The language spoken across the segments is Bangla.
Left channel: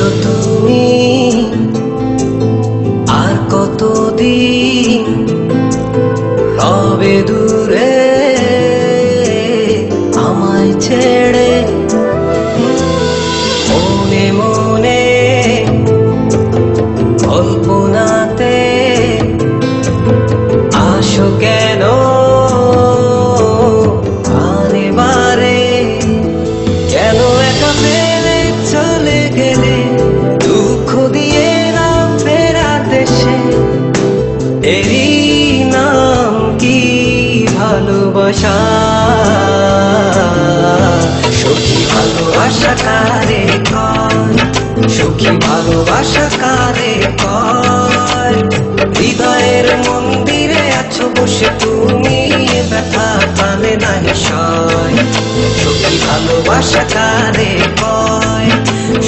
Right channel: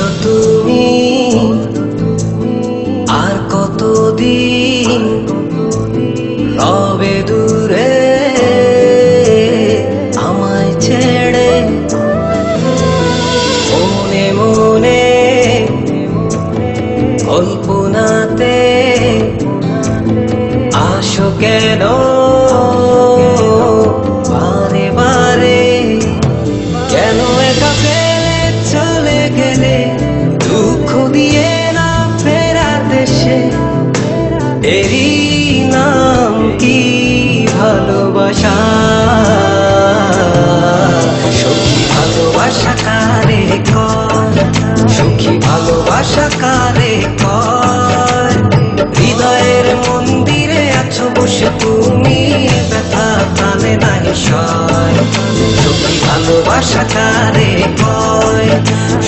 বলো তুমি আর কতদিন রবে দূরে আমায় ছেড়ে? মনে মনে কল্পনাতে আসো কেন বারে বারে? কেন একা ফেলে চলে গেলে দুঃখ দিয়ে না ফেরার দেশে? এরই নাম কি ভালোবাসা? সখী ভালোবাসা কারে কয়? সখী ভালোবাসা কারে কয়? হৃদয়ের মন্দিরে আছো বসে তুমি, ব্যথা প্রাণে নাহি সয়। সখী ভালোবাসা কারে কয়?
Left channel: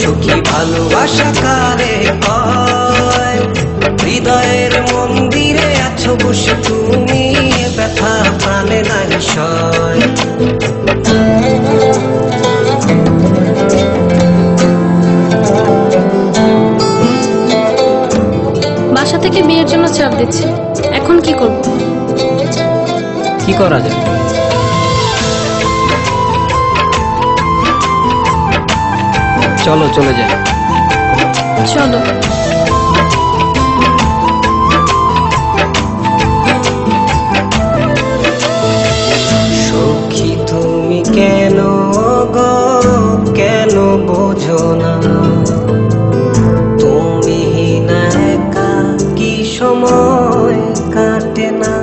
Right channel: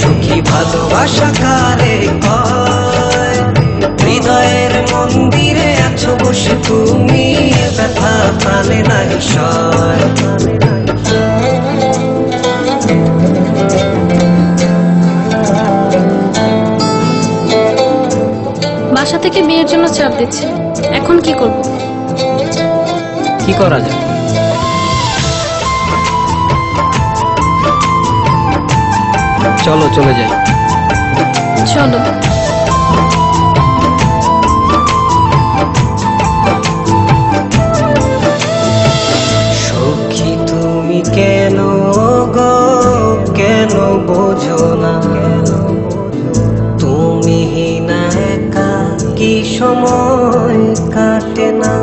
সখী ভালোবাসা কারে কয়? হৃদয়ের মন্দিরে আছো বসে তুমি, ব্যথা প্রাণে নাহি সয়। বাসা থেকে বিয়ের জন্য চাপ দিচ্ছে, এখন কি করব? কি করা যায়? চলো চলে যাই। চলো। সখী তুমি কেন গো কেন বোঝো না? তুমি না একা কি সময় কাটে না?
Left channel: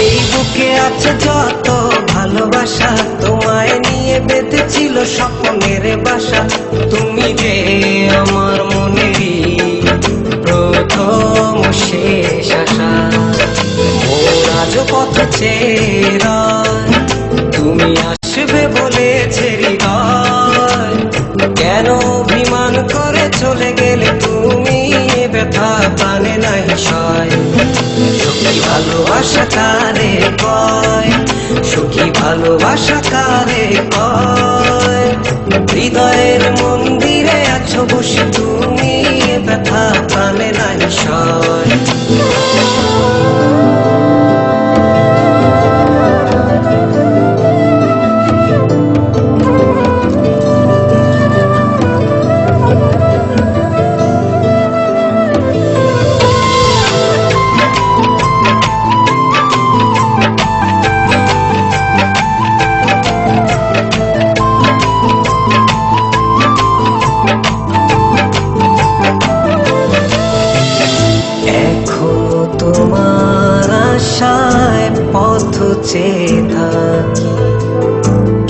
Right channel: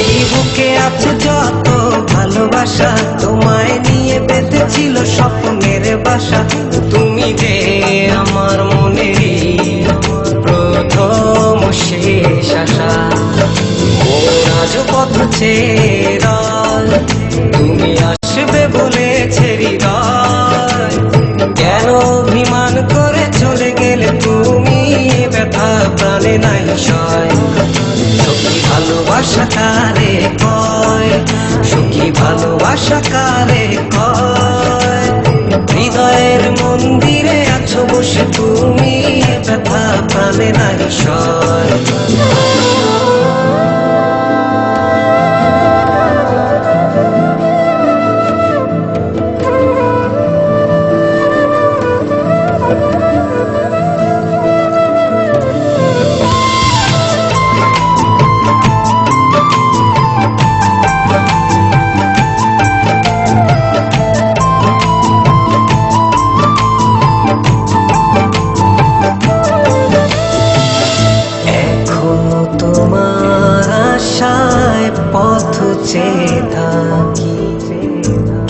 এই বুকে আছে যত ভালোবাসা, তোমায় নিয়ে বেঁধেছিল স্বপ্নের বাসা। তুমি যে আমার মনেরই প্রথম শেষ আশা। মন আজও পথ চেয়ে রয়, তুমি আসবে বলেছে হৃদয়। কেন অভিমান করে চলে গেলে তুমি, ব্যথা প্রাণে নাহি সয়। সখী ভালোবাসা কারে কয়? সখী ভালোবাসা কারে কয়? হৃদয়ের মন্দিরে আছো বসে তুমি, ব্যথা প্রাণে নাহি সয়। এখনো তোমার আশায় পথ চেয়ে থাকি,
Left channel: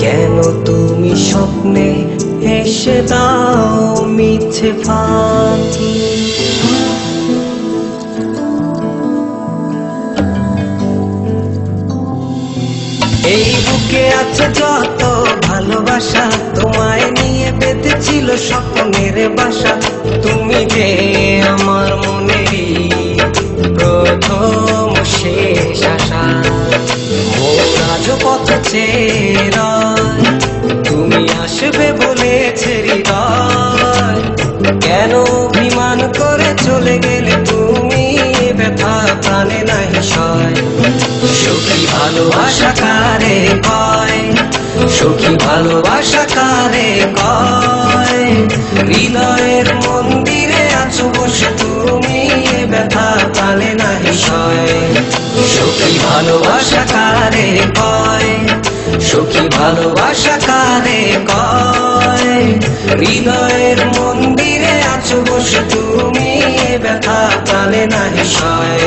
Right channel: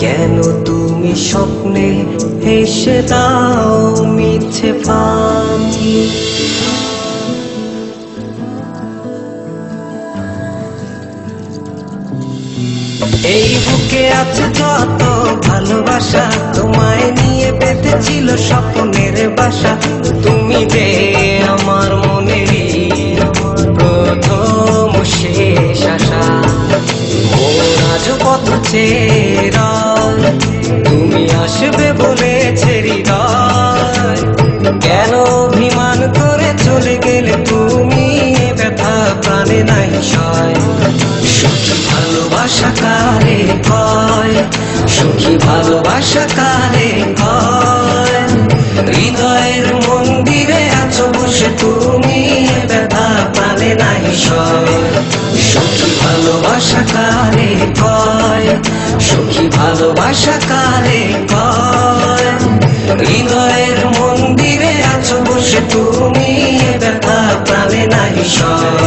কেন তুমি স্বপ্নে হেসে দাও মিছে ফাঁকি? এই বুকে আছে যত ভালোবাসা, তোমায় নিয়ে বেঁধেছিল স্বপ্নের বাসা। তুমি যে আমার মনেরই প্রথম শেষ আশা। মন আজও পথ চেয়ে রয়, তুমি আসবে বলেছে হৃদয়। কেন অভিমান করে চলে গেলে তুমি, ব্যথা প্রাণে নাহি সয়। সখী ভালোবাসা কারে কয়? সখী ভালোবাসা কারে কয়? হৃদয়ের মন্দিরে আছো বসে তুমি, ব্যথা প্রাণে নাহি সয়। সখী ভালোবাসা কারে কয়? সখী ভালোবাসা কারে কয়? হৃদয়ের মন্দিরে আছো বসে তুমি, ব্যথা প্রাণে নাহি সয়।